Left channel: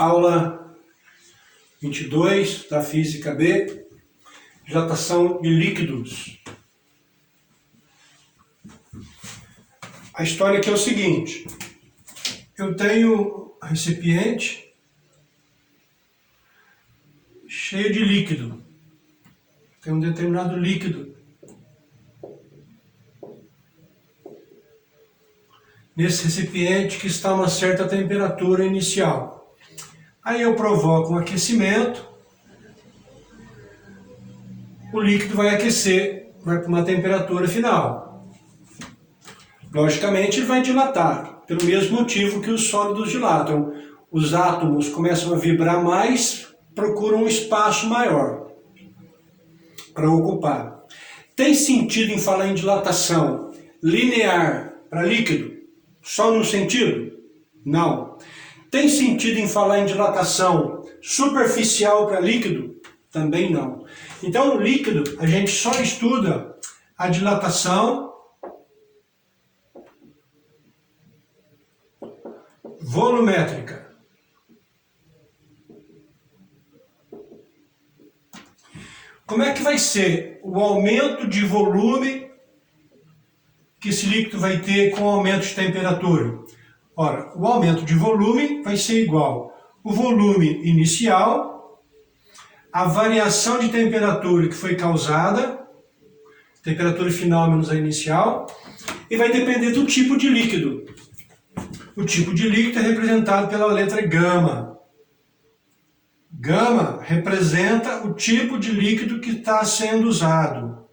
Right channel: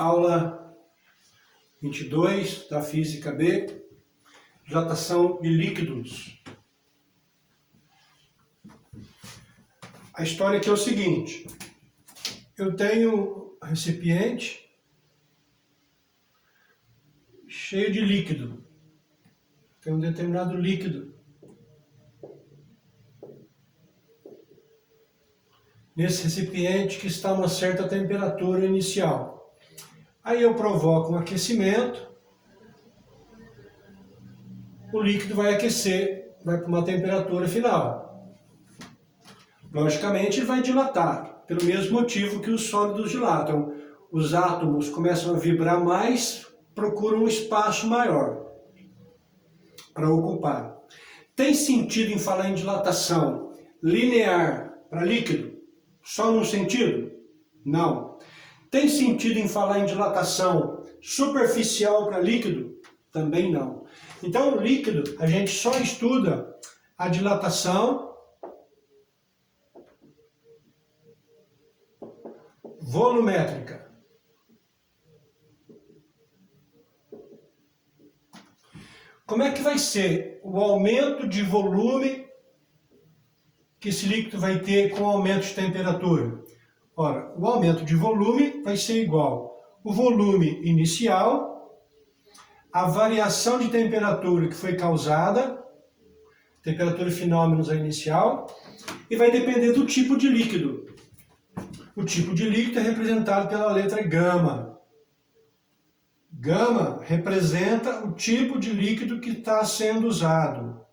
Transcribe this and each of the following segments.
Aula 22 da Física B, dilatação de líquidos. A história aqui é o seguinte: eu tenho um recipiente cheio de líquido, tem um determinado líquido. Nesse recipiente que está a uma certa temperatura inicial. Aí eu provoco um aquecimento, o líquido vai aquecer, vai para uma temperatura final. Logicamente ele vai dilatar, pelo mesmo motivo que os sólidos dilatam. Os átomos começam a vibrar mais, procuram um espaço maior para ocupar. Tem sentido em falar em dilatação linear para líquido? Só num sentido? Não. Tem sentido em falar em dilatação superficial para líquido? Também não. Então, o líquido, a gente só estuda a dilatação volumétrica. Como é que vai ser o aumento de volume que esse líquido vai ter com o aumento de temperatura? Ora, o aumento de volume vai ser igual o volume inicial, a variação de temperatura que foi causada, temperatura final menos a inicial, e vai depender do tipo de líquido. O tipo de líquido é representado pela letra gama. Gama representa o tipo de líquido que está sendo usado.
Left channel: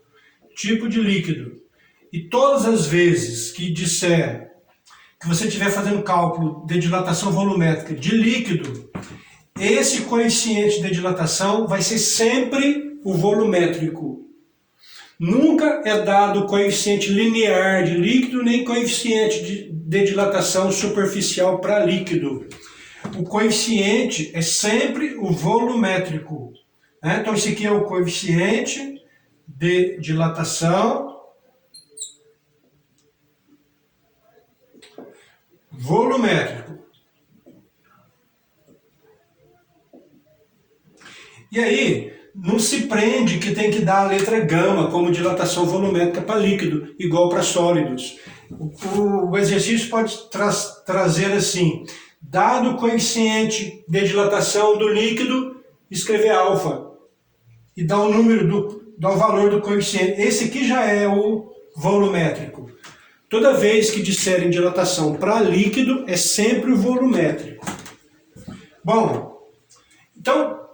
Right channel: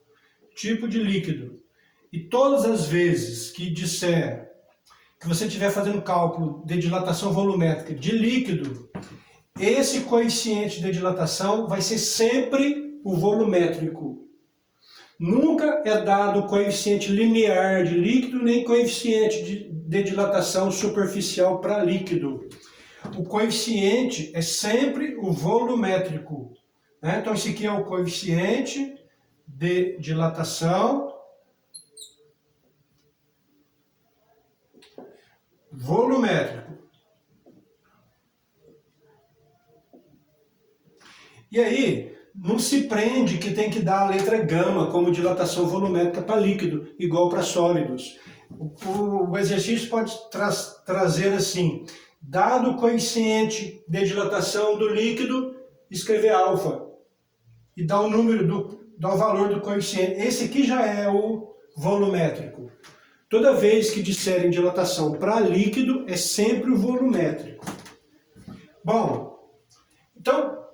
Tipo de líquido. E todas as vezes que disser que você estiver fazendo cálculo de dilatação volumétrica de líquido, esse coeficiente de dilatação vai ser sempre o volumétrico. Nunca é dado coeficiente linear de líquido, nem coeficiente de dilatação superficial para líquido. O coeficiente é sempre o volumétrico. Né? Então, esse aqui é o coeficiente de dilatação volumétrico. E aí, não se prende que tem que dar a letra gama como dilatação volumétrica para líquido, igual para sólidos. O exercício pode trazer assim: dado o coeficiente de dilatação do líquido, escrever alfa. E dar o número, dar o valor do coeficiente. Esse aqui já é o volumétrico. Toda vez que disserem dilatação para líquido, é sempre o volumétrico. Bom, então,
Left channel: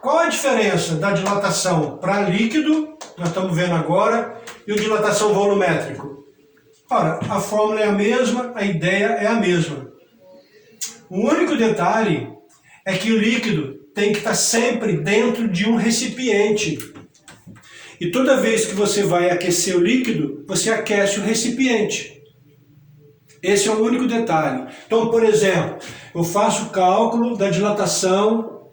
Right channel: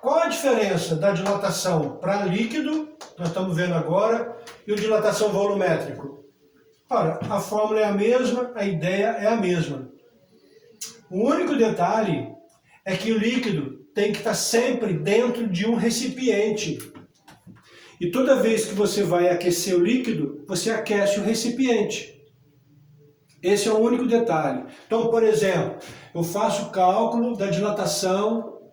qual a diferença da dilatação para líquido, nós estamos vendo agora, e o dilatação volumétrico? Ora, a fórmula é a mesma, a ideia é a mesma. O único detalhe é que o líquido tem que estar sempre dentro de um recipiente. E toda vez que você vai aquecer o líquido, você aquece o recipiente. Esse é o único detalhe. Então, por exemplo, eu faço o cálculo da dilatação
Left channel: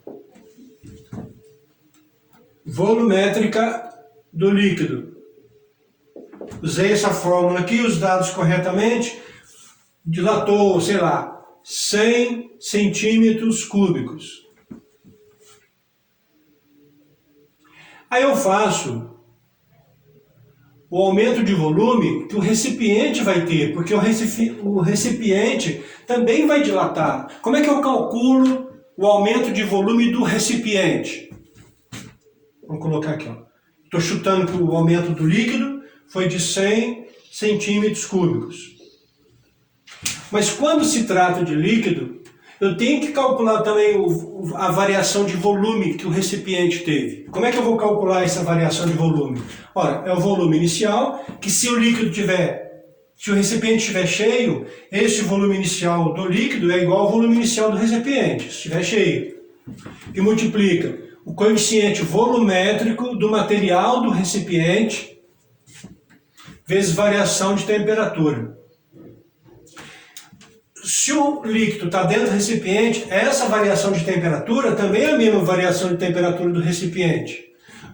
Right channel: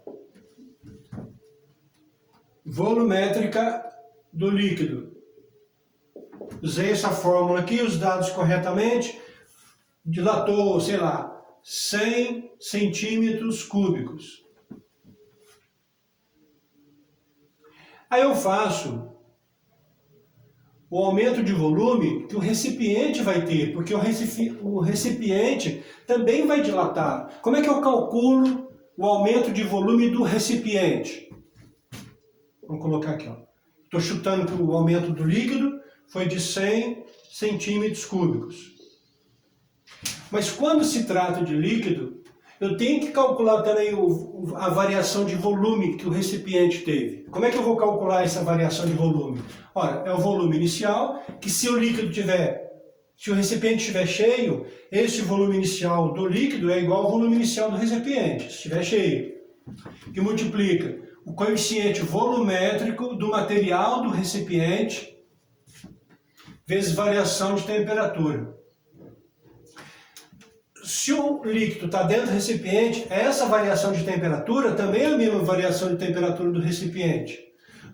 volumétrica do líquido. Usei essa fórmula aqui, os dados corretamente. Dilatou, sei lá, 100 centímetros cúbicos. Aí eu faço o aumento de volume que o recipiente vai ter, porque o recipiente também vai dilatar. Como é que eu calculo o aumento de volume do recipiente? Vamos colocar aqui, ó. Estou chutando que o aumento do líquido foi de 100 centímetros cúbicos. Mas quando se trata de líquido, eu tenho que calcular também a variação de volume que o recipiente teve. Como é que eu vou calcular essa variação de volume? Ora, é o volume inicial, que se o recipiente estiver cheio, esse volume inicial do líquido é igual ao volume inicial do recipiente, se estiver cheio. E multiplica o coeficiente volumétrico do material do recipiente vezes variação de temperatura. Se o líquido está dentro do recipiente, essa variação de temperatura também é a mesma variação de temperatura do recipiente.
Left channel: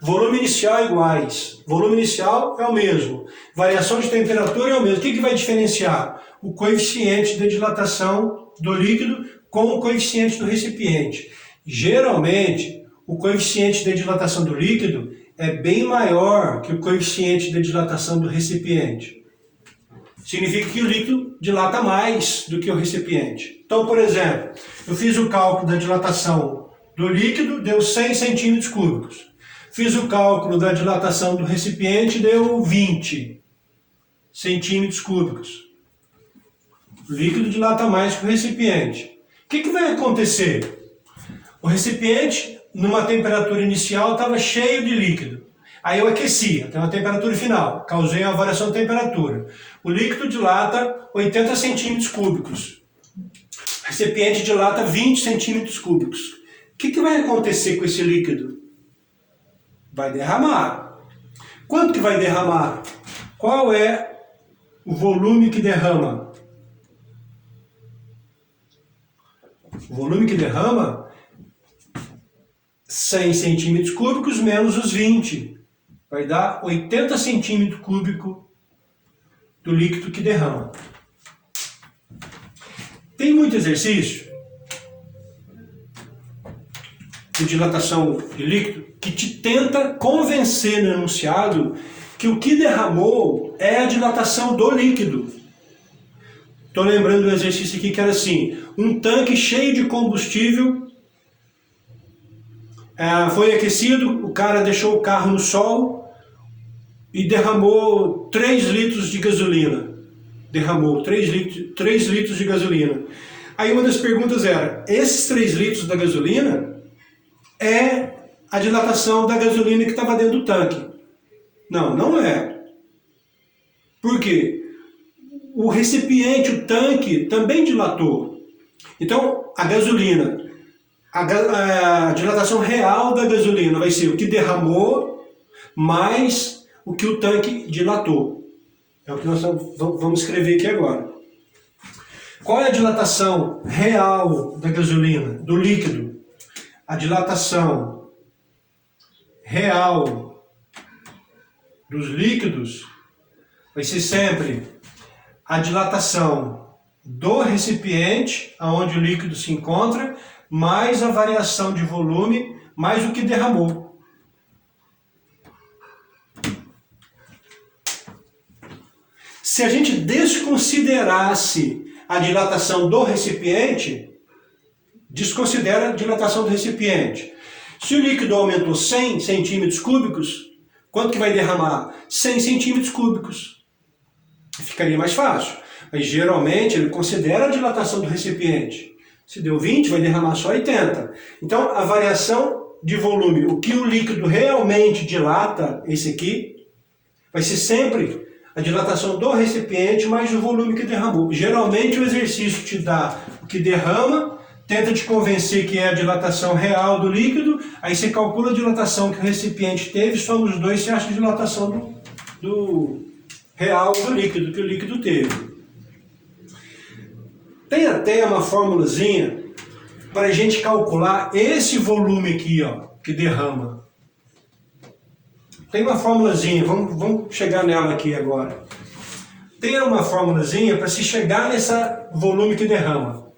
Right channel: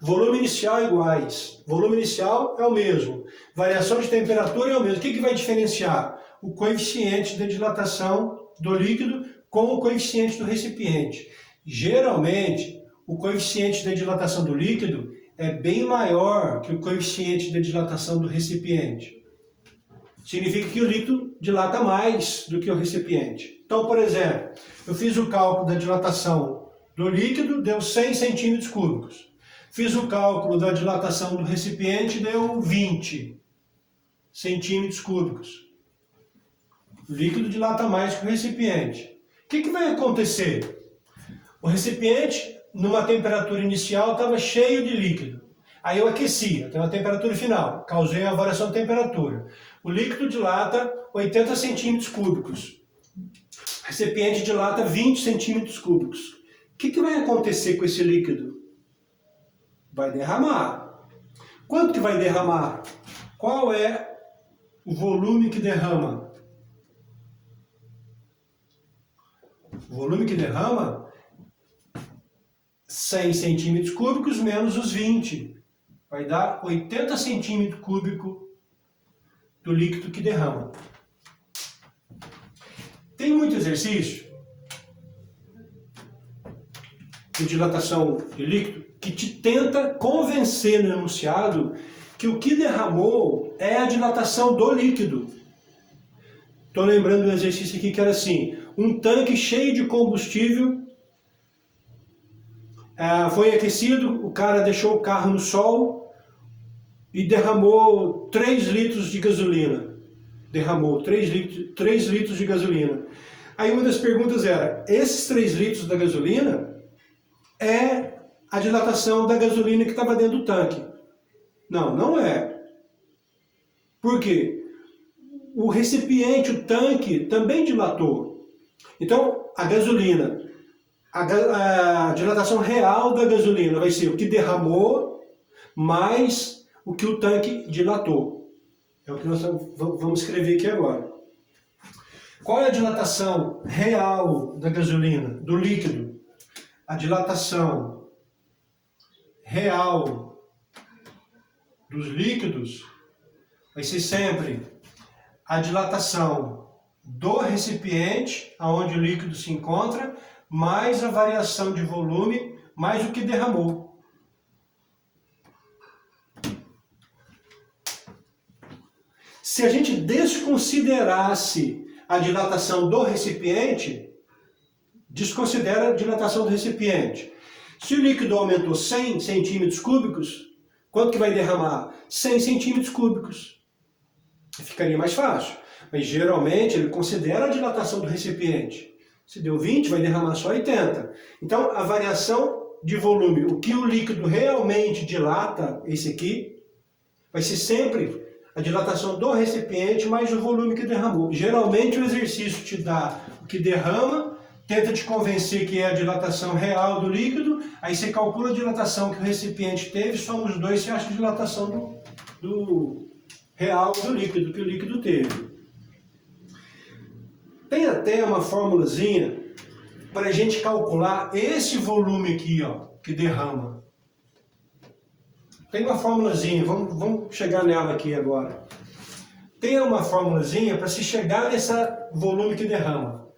Volume inicial iguais. Volume inicial é o mesmo. Variação de temperatura é o mesmo. O que vai diferenciar? O coeficiente de dilatação do líquido com o coeficiente do recipiente. Geralmente, o coeficiente de dilatação do líquido é bem maior que o coeficiente de dilatação do recipiente. Significa que o líquido dilata mais do que o recipiente. Então, por exemplo, eu fiz o cálculo da dilatação do líquido, deu 100 centímetros cúbicos. Fiz o cálculo da dilatação do recipiente, deu 20 centímetros cúbicos. O líquido dilata mais que o recipiente. O que vai acontecer? O recipiente, numa temperatura inicial, estava cheio de líquido. Aí eu aqueci, até uma temperatura final, causei uma variação de temperatura. O líquido dilata 80 centímetros cúbicos. O recipiente dilata 20 centímetros cúbicos. O que vai acontecer com esse líquido? Vai derramar. Quanto que vai derramar? Qual é o volume que derrama? O volume que derrama, 100 centímetros cúbicos menos os 20. Vai dar 80 centímetros cúbicos do líquido que derrama. Tem muito exercício de dilatação de líquido que te tenta convencer no enunciado que o que derramou é a dilatação do líquido. Estou lembrando do exercício aqui que era assim, um tanque cheio de combustível, foi aquecido, o cara deixou o carro no sol e derramou 3 litros de gasolina. Derramou 3 litros de gasolina. Aí uma das perguntas era, esses 3 litros da gasolina é a dilatação da gasolina que estava dentro do tanque? Não, não é. Por quê? O recipiente, o tanque, também dilatou. Então, a gasolina, a dilatação real da gasolina vai ser o que derramou mais o que o tanque dilatou. É o que nós vamos escrever aqui agora. Qual é a dilatação real da gasolina, do líquido? A dilatação real dos líquidos vai ser sempre a dilatação do recipiente, onde o líquido se encontra, mais a variação de volume, mais o que derramou. Se a gente desconsiderasse a dilatação do recipiente, desconsidera a dilatação do recipiente. Se o líquido aumentou 100 centímetros cúbicos, quanto que vai derramar? 100 centímetros cúbicos. Ficaria mais fácil. Mas geralmente ele considera a dilatação do recipiente. Se deu 20, vai derramar só 80. Então a variação de volume, o que o líquido realmente dilata, esse aqui, vai ser sempre a dilatação do recipiente mais o volume que derramou. Geralmente o exercício te dá o que derrama, tenta te convencer que é a dilatação real do líquido, aí você calcula a dilatação que o recipiente teve, soma os dois, você acha a dilatação do real do líquido, que o líquido teve. Tem até uma formulazinha para a gente calcular esse volume aqui, ó, que derrama. Tem uma formulazinha, vamos chegar nela aqui agora. Tem uma formulazinha para se chegar nesse volume que derrama.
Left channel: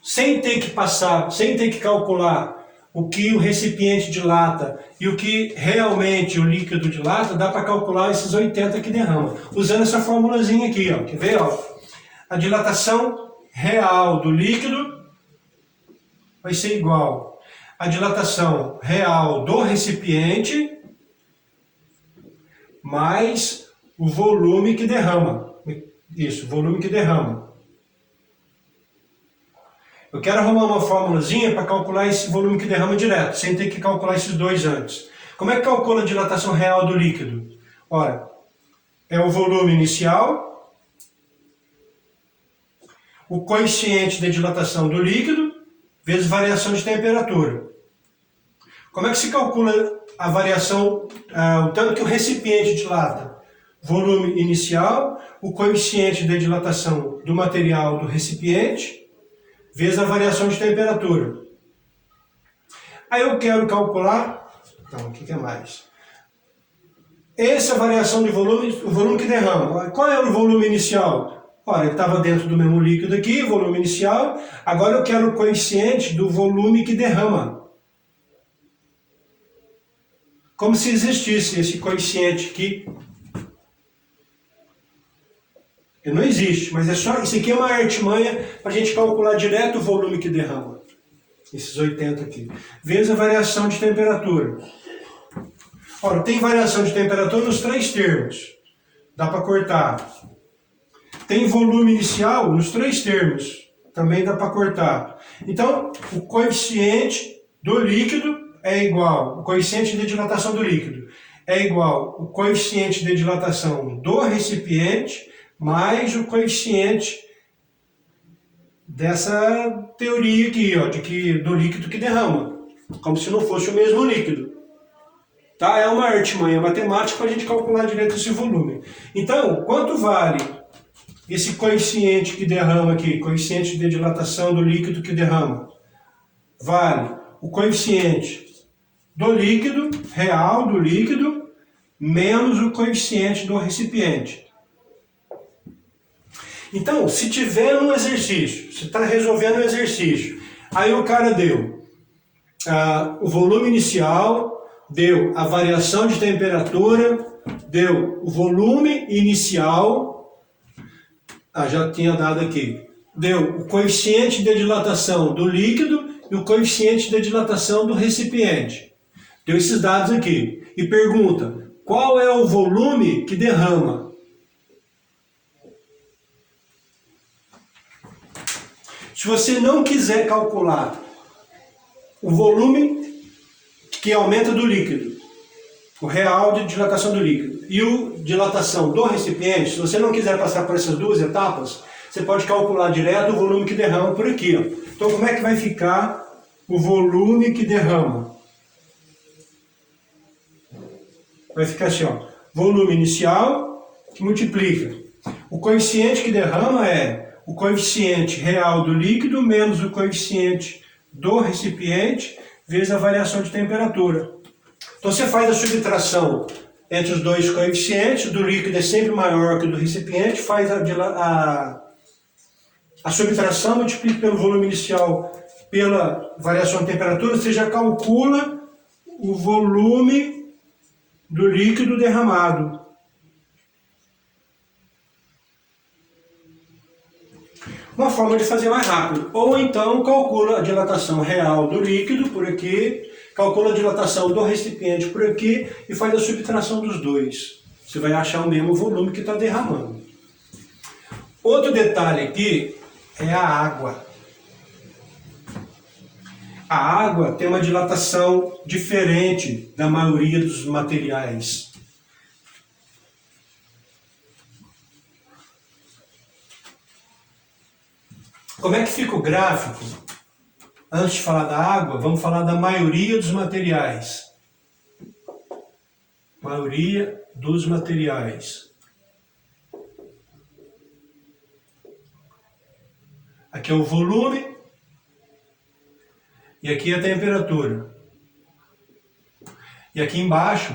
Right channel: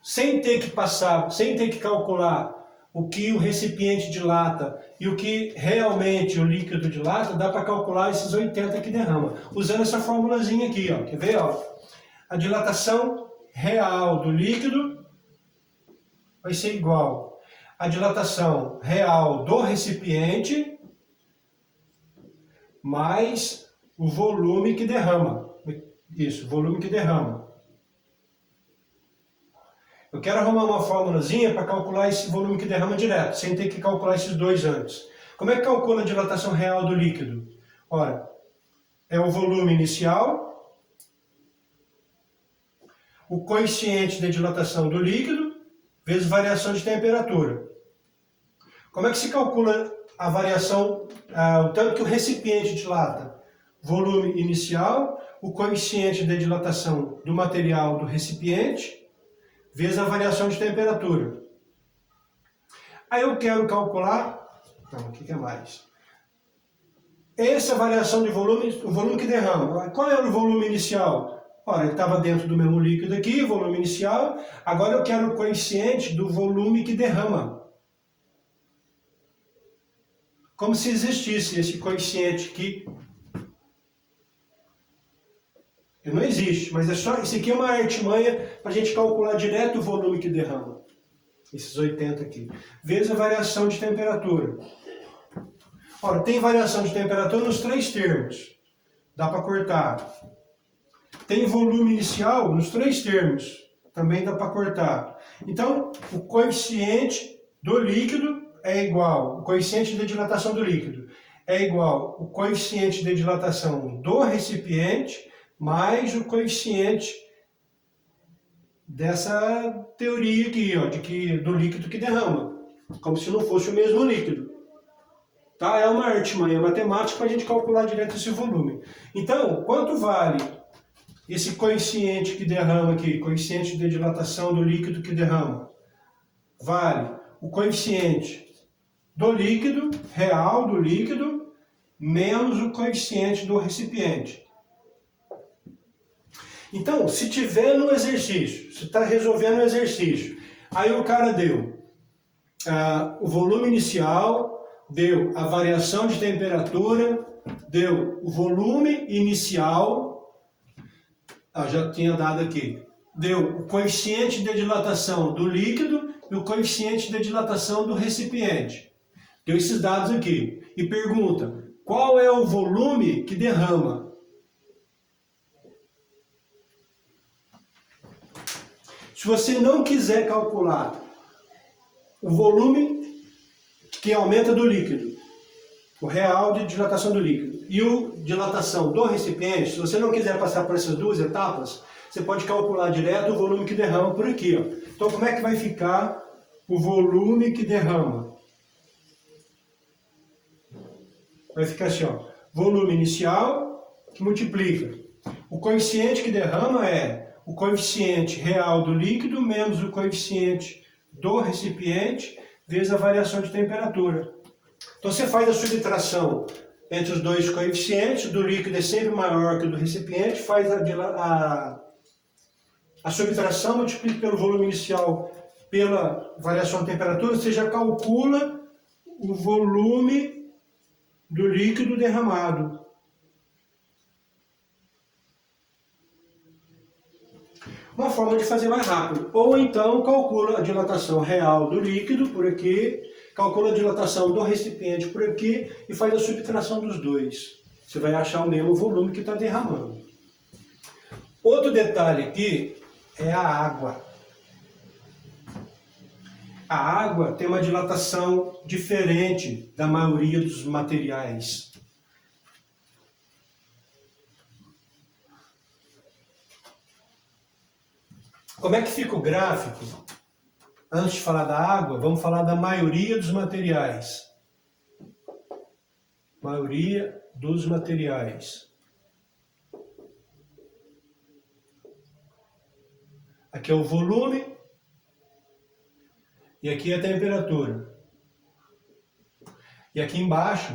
Sem ter que passar, sem ter que calcular o que o recipiente dilata e o que realmente o líquido dilata, dá para calcular esses 80 que derrama. Usando essa formulazinha aqui, ó. Quer ver? Ó? A dilatação real do líquido vai ser igual à dilatação real do recipiente mais o volume que derrama. Isso, volume que derrama. Eu quero arrumar uma formulazinha para calcular esse volume que derrama direto, sem ter que calcular esses dois antes. Como é que calcula a dilatação real do líquido? Ora, é o volume inicial, o coeficiente de dilatação do líquido, vezes variação de temperatura. Como é que se calcula a variação, o tanto que o recipiente dilata? Volume inicial, o coeficiente de dilatação do material do recipiente, vezes a variação de temperatura. Aí eu quero calcular, então, o que é mais? Essa variação de volume, o volume que derrama. Qual é o volume inicial? Ora, ele estava dentro do mesmo líquido aqui, volume inicial. Agora eu quero o coeficiente do volume que derrama. Como se existisse esse coeficiente aqui. Ele não existe, mas é só, isso aqui é uma artimanha para a gente calcular direto o volume que derrama. Esses 80 aqui. Vezes a variação de temperatura. Ora, tem variação de temperatura nos três termos. Dá para cortar. Tem volume inicial nos três termos. Também dá para cortar. Então, o coeficiente do líquido é igual, o coeficiente de dilatação do líquido é igual o coeficiente de dilatação do recipiente mais o coeficiente dessa teoria aqui, ó, do líquido que derrama. Como se não fosse o mesmo líquido. Tá? É uma artimanha matemática para a gente calcular direito esse volume. Então, quanto vale esse coeficiente que derrama aqui, coeficiente de dilatação do líquido que derrama? Vale o coeficiente do líquido, real do líquido, menos o coeficiente do recipiente. Então, se tiver um exercício, você está resolvendo um exercício, aí o cara deu o volume inicial, deu a variação de temperatura, deu o volume inicial, já tinha dado aqui, deu o coeficiente de dilatação do líquido e o coeficiente de dilatação do recipiente. Deu esses dados aqui e pergunta, qual é o volume que derrama? Se você não quiser calcular o volume que aumenta do líquido, o real de dilatação do líquido e o dilatação do recipiente, se você não quiser passar por essas duas etapas, você pode calcular direto o volume que derrama por aqui. Ó. Então, como é que vai ficar o volume que derrama? Vai ficar assim, ó, volume inicial que multiplica. O coeficiente que derrama é o coeficiente real do líquido menos o coeficiente do recipiente vezes a variação de temperatura. Então você faz a subtração entre os dois coeficientes, do líquido é sempre maior que o do recipiente, faz a subtração, multiplica pelo volume inicial pela variação de temperatura, você já calcula o volume do líquido derramado. Uma forma de fazer mais rápido. Ou então calcula a dilatação real do líquido por aqui, calcula a dilatação do recipiente por aqui e faz a subtração dos dois. Você vai achar o mesmo volume que está derramando. Outro detalhe aqui é a água. A água tem uma dilatação diferente da maioria dos materiais. Como é que fica o gráfico? Antes de falar da água, vamos falar da maioria dos materiais. Maioria dos materiais. Aqui é o volume e aqui é a temperatura. E aqui embaixo,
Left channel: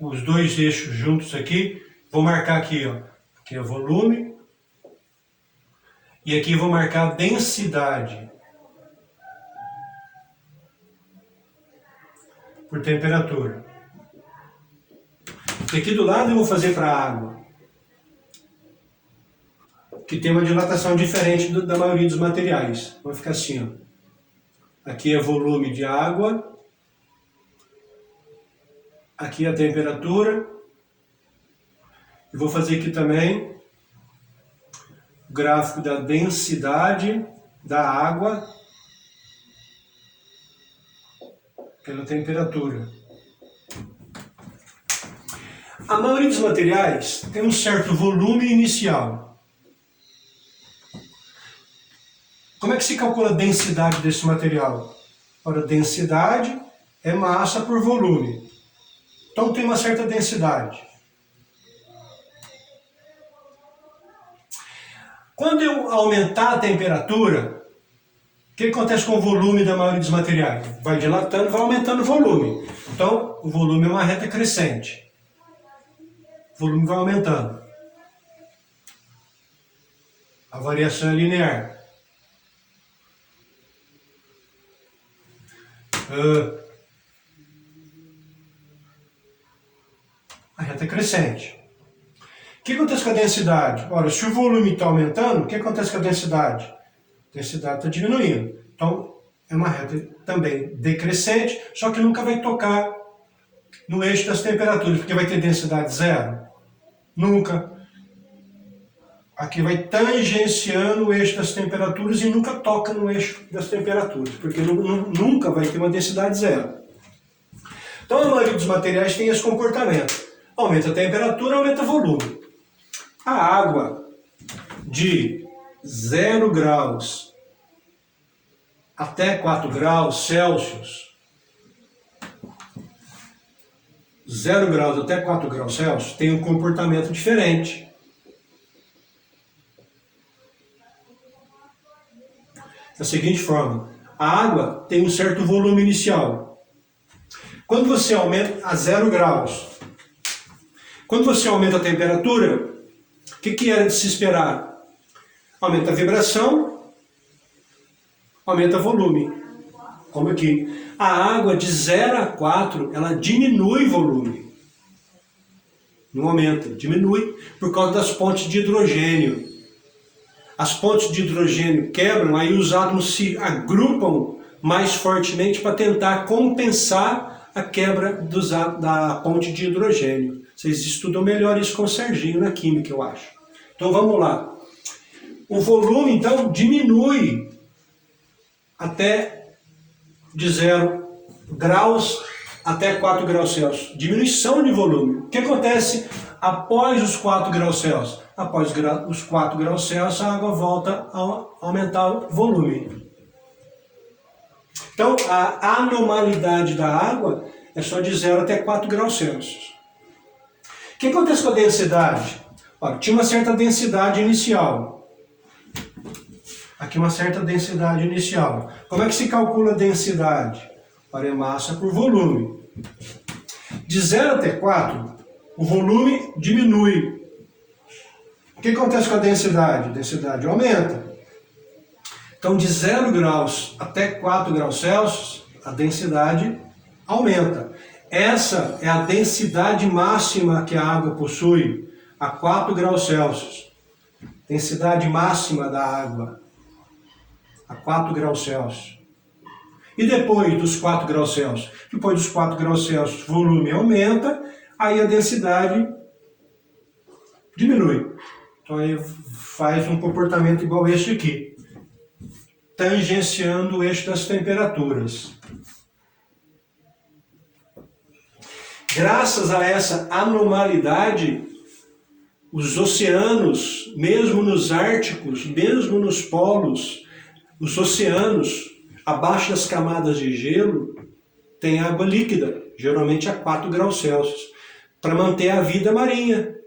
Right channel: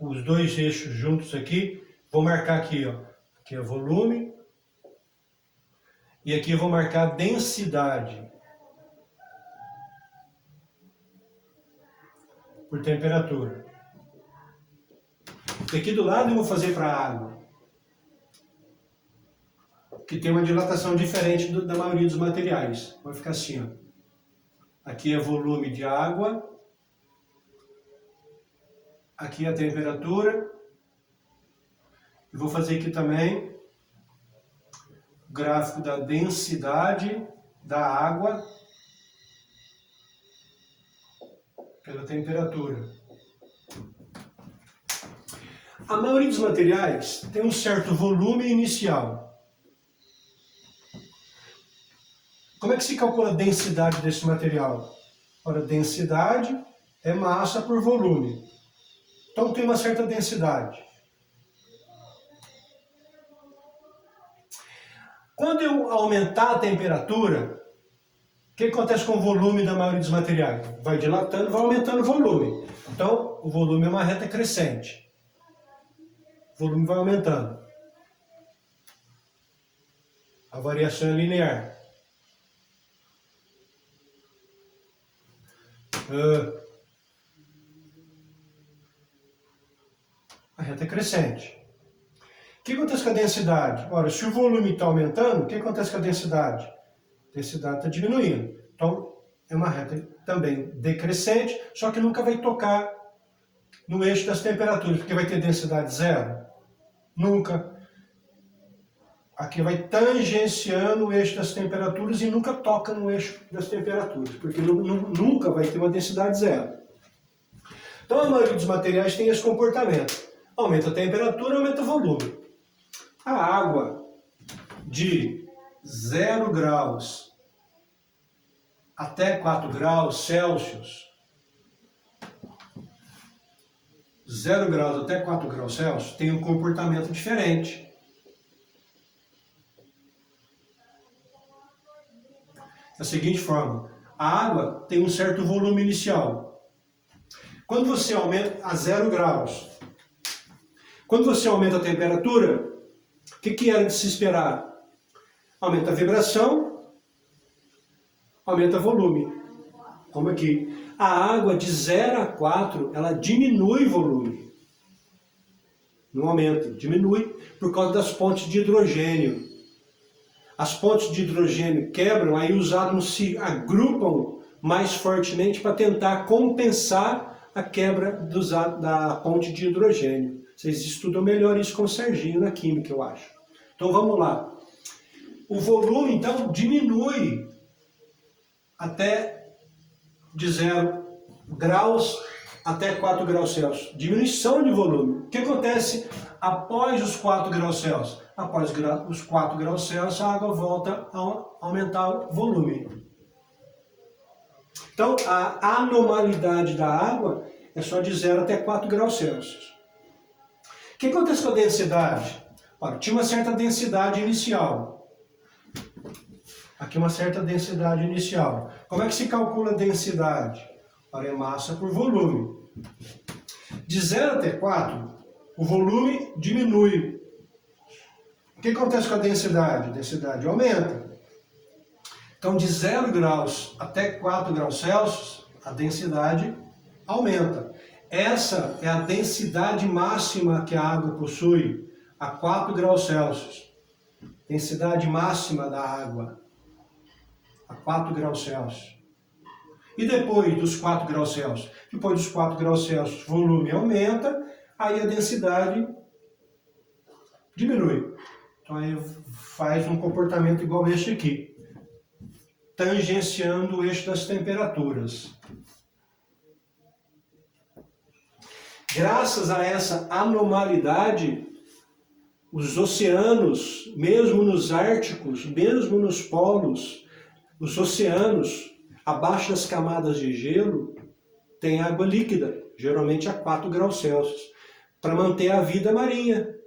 os dois eixos juntos aqui, vou marcar aqui, ó. Aqui é o volume. E aqui eu vou marcar a densidade por temperatura. E aqui do lado eu vou fazer para a água, que tem uma dilatação diferente da maioria dos materiais. Vai ficar assim, ó. Aqui é volume de água, aqui é a temperatura, e vou fazer aqui também gráfico da densidade da água pela temperatura. A maioria dos materiais tem um certo volume inicial. Como é que se calcula a densidade desse material? Ora, densidade é massa por volume. Então tem uma certa densidade. Quando eu aumentar a temperatura, o que acontece com o volume da maioria dos materiais? Vai dilatando, vai aumentando o volume. Então, o volume é uma reta crescente. O volume vai aumentando. A variação é linear. A reta é crescente. O que acontece com a densidade? Ora, se o volume está aumentando, o que acontece com a densidade? A densidade está diminuindo. Então, é uma reta também decrescente, só que nunca vai tocar no eixo das temperaturas, porque vai ter densidade zero. Nunca. Aqui vai tangenciando o eixo das temperaturas e nunca toca no eixo das temperaturas, porque nunca vai ter uma densidade zero. Então, a maioria dos materiais tem esse comportamento. Aumenta a temperatura, aumenta o volume. A água de 0 graus até 4 graus Celsius, 0 graus até 4 graus Celsius, tem um comportamento diferente. Da seguinte forma, a água tem um certo volume inicial. Quando você aumenta a 0 graus, quando você aumenta a temperatura, o que era de se esperar? Aumenta a vibração, aumenta o volume. Como aqui. A água de 0 a 4, ela diminui o volume. Não aumenta, diminui por causa das pontes de hidrogênio. As pontes de hidrogênio quebram, aí os átomos se agrupam mais fortemente para tentar compensar a quebra da ponte de hidrogênio. Vocês estudam melhor isso com o Serginho na química, eu acho. Então vamos lá. O volume, então, diminui até de 0 graus até 4 graus Celsius. Diminuição de volume. O que acontece após os 4 graus Celsius? Após os 4 graus Celsius, a água volta a aumentar o volume. Então, a anormalidade da água é só de 0 até 4 graus Celsius. O que acontece com a densidade? Olha, tinha uma certa densidade inicial. Aqui uma certa densidade inicial. Como é que se calcula a densidade? Olha, é massa por volume. De 0 até 4, o volume diminui. O que acontece com a densidade? A densidade aumenta. Então, de 0 graus até 4 graus Celsius, a densidade aumenta. Essa é a densidade máxima que a água possui, a 4 graus Celsius. Densidade máxima da água, a 4 graus Celsius. E depois dos 4 graus Celsius? Depois dos 4 graus Celsius, o volume aumenta, aí a densidade diminui. Então aí faz um comportamento igual este aqui, tangenciando o eixo das temperaturas. Graças a essa anormalidade, os oceanos, mesmo nos árticos, mesmo nos polos, os oceanos, abaixo das camadas de gelo, tem água líquida, geralmente a 4 graus Celsius, para manter a vida marinha.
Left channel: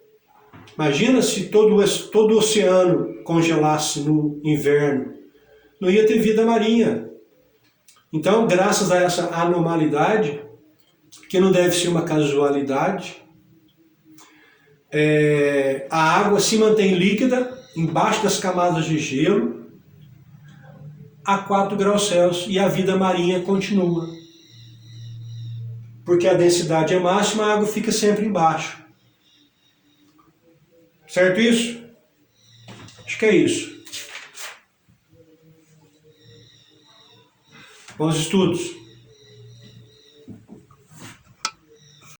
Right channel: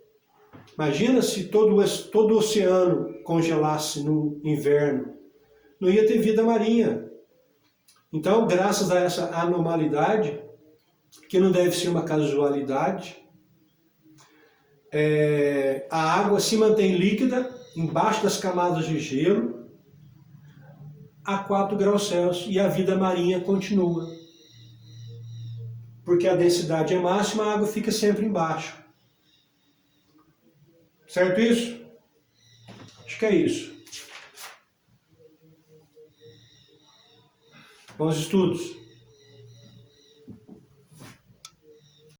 Imagina se todo o oceano congelasse no inverno, não ia ter vida marinha. Então, graças a essa anormalidade, que não deve ser uma casualidade, a água se mantém líquida embaixo das camadas de gelo a 4 graus Celsius e a vida marinha continua. Porque a densidade é máxima, a água fica sempre embaixo. Certo isso? Acho que é isso. Bons estudos.